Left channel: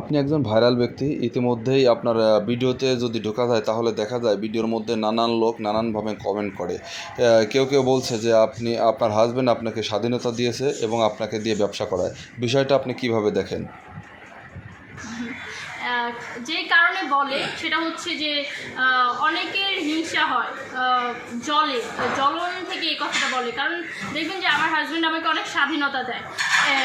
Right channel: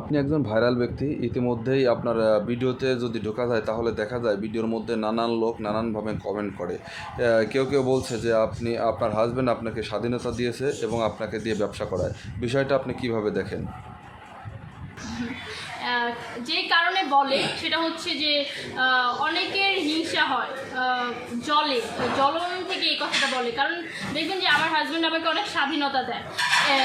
আপনি একজন ভাইরাল ব্যক্তি, ইতিমধ্যেই আপনার ভিডিওতে যদি ঢোকা যায়, তাহলে দেখা যায় ভিডিওর মধ্যে নানান লোক নানানভাবে কমেন্ট করে। কেউ কেউ বলছে যে আপনি, আপনার হাজব্যান্ড আপনাকে স্বাধীনতা দিয়েছে এবং আপনাকে দিয়ে ব্যবসা করায়। বিষয়টা আপনি কীভাবে দেখেন? যে কারণে বলে, সেটা হচ্ছে যে অনেকের হিংসা হয় জলে। জ্বলন থেকে এই কথাটা বলে। কারণ দেখবেন যে, আমার হাজব্যান্ড আমাকে অনেক স্বাধীনতা দেয়।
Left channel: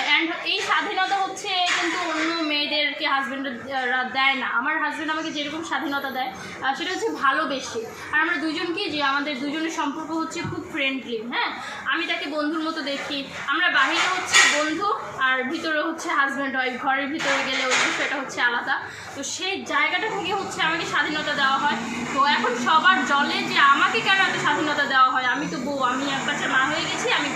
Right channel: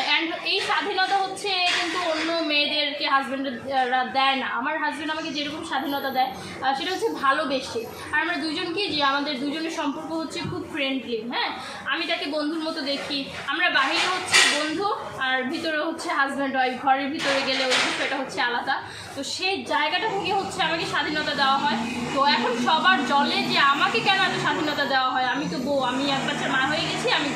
অ্যান্ড এই স্বাধীনতা হচ্ছে কিন্তু অন্য মেয়েদেরকে হাজব্যান্ডরা দেয় না। আমার হাজব্যান্ড আমাকে যেরকম স্বাধীনতা দেয় সেটা হচ্ছে ভালোবেসে। আর আমরা দুজন কি যে আমাদের দুজনের সম্পর্ক হচ্ছে খুব ফ্রেন্ডলি হ্যাঁ? আমি তাকে বন্ধুর মতো দেখি। আমরা বাহিরে হচ্ছে বন্ধু, আর ভিতরে হচ্ছে হাজব্যান্ড ওয়াইফ ঘরের ভিতরে গেলে ওই বিষয়টা হচ্ছে আলাদা। তো সেই জায়গাটা থেকে হচ্ছে আমাকে স্বাধীনতা দেওয়া হয়। তো এখন সবার জলে যে আমাকে কেন এত স্বাধীনতা দেওয়া হয়? আমি তো বউ, আমি এক বাচ্চার মা হয়ে গেছি, আমি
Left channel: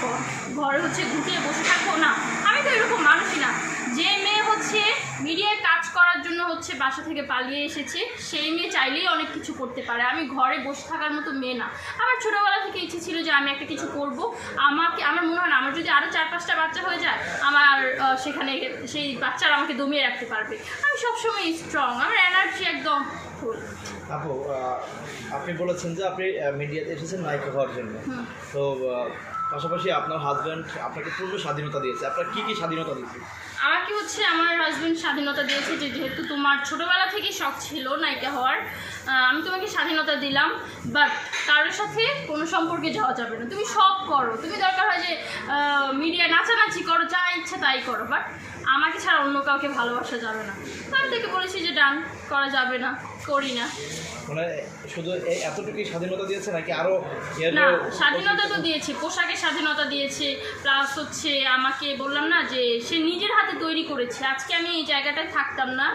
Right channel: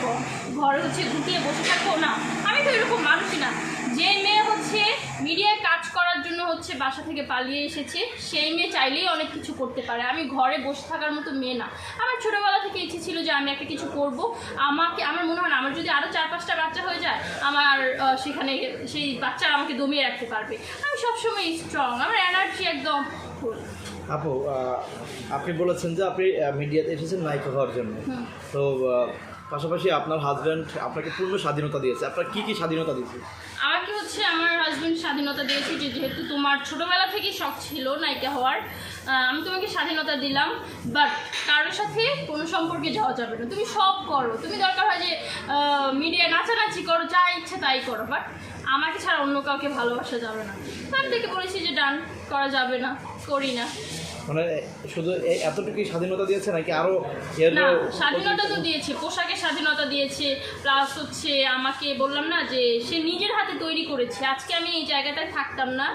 ঘরে হচ্ছে গুটিয়ে বসে থাকব না আমি তো এরকম মানুষই না যে মেয়ে হচ্ছে মিডিয়ায় কাজ করার জন্য হচ্ছে বাসা থেকে পালিয়ে এসেছে। সেই মেয়ে চাইলেই অনেক কিছু করতে পারে। আমি ঘরে বসে থাকার মতো মেয়ে না। আমার ছোটোবেলা থেকে ইচ্ছে ছিল যে আমি একটা কিছু করব। আমাকে আমার মনে হয় না আমার যদি আরও চার পাঁচটা বাচ্চা হয়ে যায় আমার সেখানে সেই বাচ্চারা আমাকে দমিয়ে রাখতে পারবে। আমি সবসময় স্ট্রং আমার এনার্জি একদম ফুল আপু আপনি বলেছেন যে আপনি মিডিয়াতে এসেছেন নায়িকা হওয়ার জন্য। তো পাশাপাশি আপনার হাজব্যান্ড আপনাকে পূর্ণ স্বাধীনতা দিয়েছে। আপনার কি কি স্বাধীনতা দিয়েছে? আমার আমাকে হচ্ছে আমার হাজব্যান্ড স্বাধীনতা দিয়েছে যে যেহেতু তোমার ছোটোবেলা থেকেই শখ ছিল নায়িকা হওয়ার আমি তোমাকে স্বাধীনতা দিলাম বাট কারোর সাথে কোনো সম্পর্কে যাওয়া যাবে না। তুমি সব করো। তুমি দরকার হয় যে মিডিয়ায় নাচানাচি করো, যা ইচ্ছা তাই করো বাট আমাকে ছাড়া অন্য কাউকে ভালোবাসা যাবে না। আমি থেকে বলেছি যে ডান করা যাবে না। করি না। মানে শুধু এতটুকুই স্বাধীনতা দিয়েছে নাকি আরও না স্বাধীনতা তো দিয়েছে পোশাকের স্বাধীনতা দিয়েছে প্লাস হচ্ছে আমাকে বললাম না যে সে নিজের হাতে তৈরি করেছে। আজকে আমি এই জায়গাটায় থাকতাম না।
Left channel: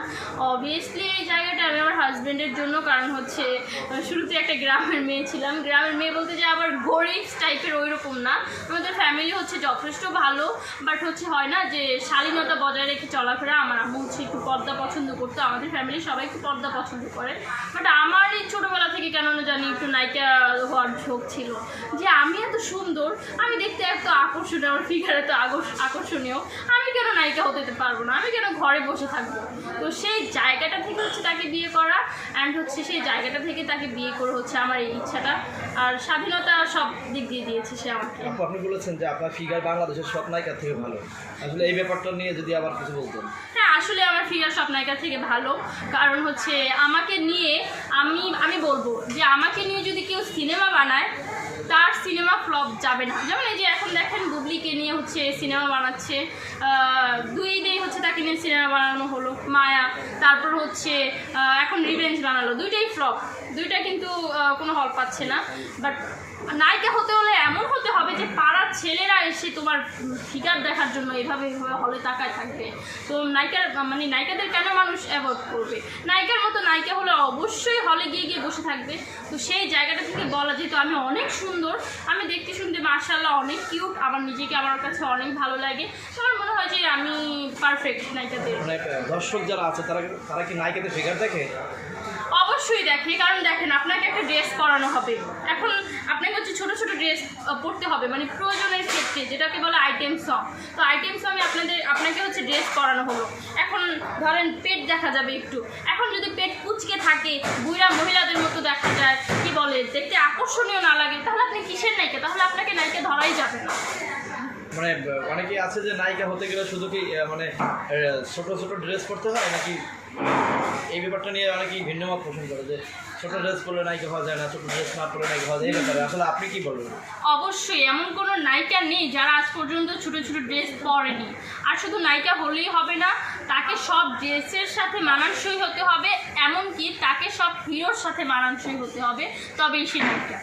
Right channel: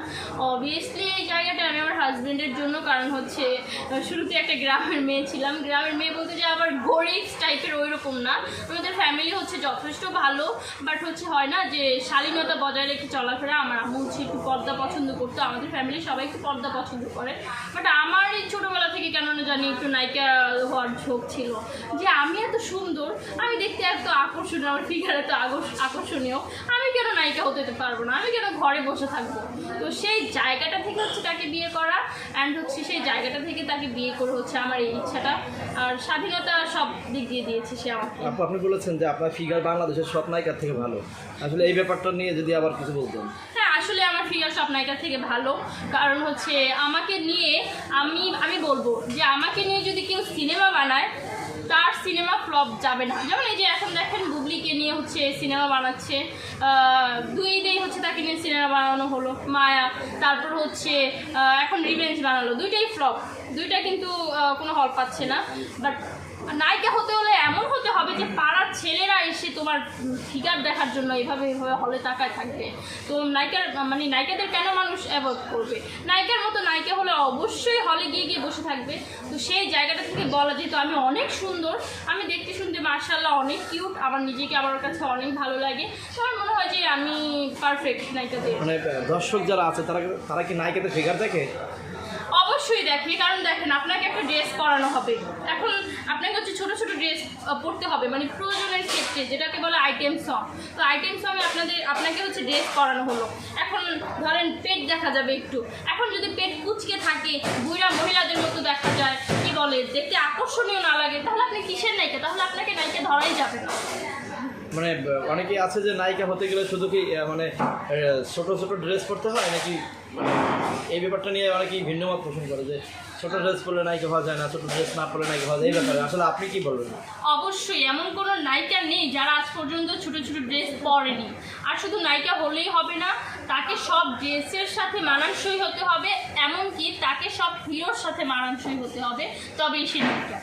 অবভিয়াসলি এই জায়গাটা আমি হাজব্যান্ডের জন্য, কারণ হচ্ছে শুরুতে একটা গ্রামের মেয়ে ছিলাম। গ্রামের মেয়ে বলতে যে আবার গরিব টাইপের ওই রকম না। আমাদের ফ্যামিলি হচ্ছে যথেষ্ট ভালো বাট হচ্ছে হয় না যে শালীনতা বজায় রেখে চলাফেরা। আমার আমি হচ্ছে একটু পর্দা পছন্দ করতো। আমাদের ফ্যামিলি সবাই একটু পর্দা পছন্দ করে। বাট আমার এই ছোটোবেলা থেকে কেন না জানি একটু নায়িকা হওয়ার ঝোঁক ছিল। যে আমি এত সুন্দর, আমি দেখতে এত আকর্ষণীয়, আমার ফিগার এত আকর্ষণীয়, আমি কেন নায়িকা হতে পারব না? আমি কেন ঘরে বসে থাকব? তো সেই জায়গাটা থেকে হচ্ছে তাকে বিয়ে করা অ্যান্ড হচ্ছে সেই জায়গাটা থেকে তাকে বিয়ে করে হচ্ছে আমার এই ইচ্ছাটা। আর স্বাধীনতা সব দিক দিয়ে দিয়েছে সে আমাকে। আপু, আপনি বলেছেন যে আপনার ফিগার বাংলাদেশের সব নায়িকার থেকে ভালো। আসলে এই ব্যাপারটা নিয়ে যদি আবার কিছু বলতেন। আসলে আমার ফিগার সব নায়িকার থেকে ভালো। কারণ হচ্ছে আমাকে নিয়ে আমি আমি বলব যে আমাকে নিয়ে যদি কেউ সিনেমা বানায়, তার সিনেমা ফ্লপ যাবে না। যেমন এই যে এখন দেখেন বুবলিকে নিয়ে হচ্ছে সিনেমা বানাচ্ছে দুই দিই হচ্ছে তাকে নিয়ে সিনেমা বানানো হলো, মায়া, তারপর হচ্ছে এখন রিভেঞ্জ বানালো। দুইটাই ফ্লপ দুইটা কিন্তু কোনো হল পাচ্ছে না। বাট নায়িকা হতে হলে এমন হতে হবে যে পাড়ার ছেলেরা এসে তোমার ফিগার দেখার জন্য এভাবে এভাবে হলে তাকায় থাকবে। তো নায়িকার মানে নায়িকাদের কেন মানুষ অ্যাভয়েড করবে? নায়িকার মতো নায়িকা হলে অবশ্যই হলে গিয়ে গিয়ে বসে থাকবে। তো সেই জায়গাটা থেকে বলা যেহেতু আমি অনেক সুন্দর, আমি দেখতে শুনতে মার্শাল্লাহ অনেক কিউট আমার নিজেকে আমার কাছে অনেক ভালো লাগে। আমার মনে হয় যে আমি পারফেক্ট নায়িকাদের। মানে দর্শক যারা আছে, তারা তারা কি নায়িকাদের ফিগার দেখে? অবশ্যই দেখে কারণ দেখেন আপনাকে একটা ড্রেস পরানো হবে। এখন আপনাকে হচ্ছে ছোট ছোট ড্রেস পরতে হবে মানে প্রয়োজনের ক্ষেত্রে, যেটাকে বলে আইটেম সং তো আইটেম সঙ্গে আপনাদের, আপনাকে হচ্ছে ড্রেস পরানো হলো। এখন ধরেন পেট দেখা যাবে একটু। এখন যদি পেট কুচকে থাকে, বুড়া মহিলাদের মতো দেখা যায়, কি বলে, দেখতে আকর্ষণীয় না লাগে, তাহলে আপনি কিসের নায়িকা? তাহলে আপনাকে নায়িকা ধরাই যাবে না। মানে অনেকেই আছে যে নায়িকা হতে গেলে শুধু কি মানে ছোট ছোট ড্রেস পরতে হয় নাকি মানে এই ব্যাপারটা নিয়ে অনেকেই ভিন্ন মত পোষণ করে যে ছোট ড্রেস পরলে নায়িকা হওয়া যায় না, ছোট ড্রেস না পরলে নায়িকা হওয়া যায়, এই ব্যাপারে। আসলে আপনি কি বলবেন? অবশ্যই, এমন কোনো নায়িকা নেই যারা আজ পর্যন্ত ছোট ছোট ড্রেস পরেনি। আর শুধু নায়িকা হলেই হবে না, তাকে সব ড্রেসের সাথে মানানসই হতে হবে, এমনকি তাকে সব হিরোর সাথে মানানসই হতে হবে, তবেই সে নায়িকা।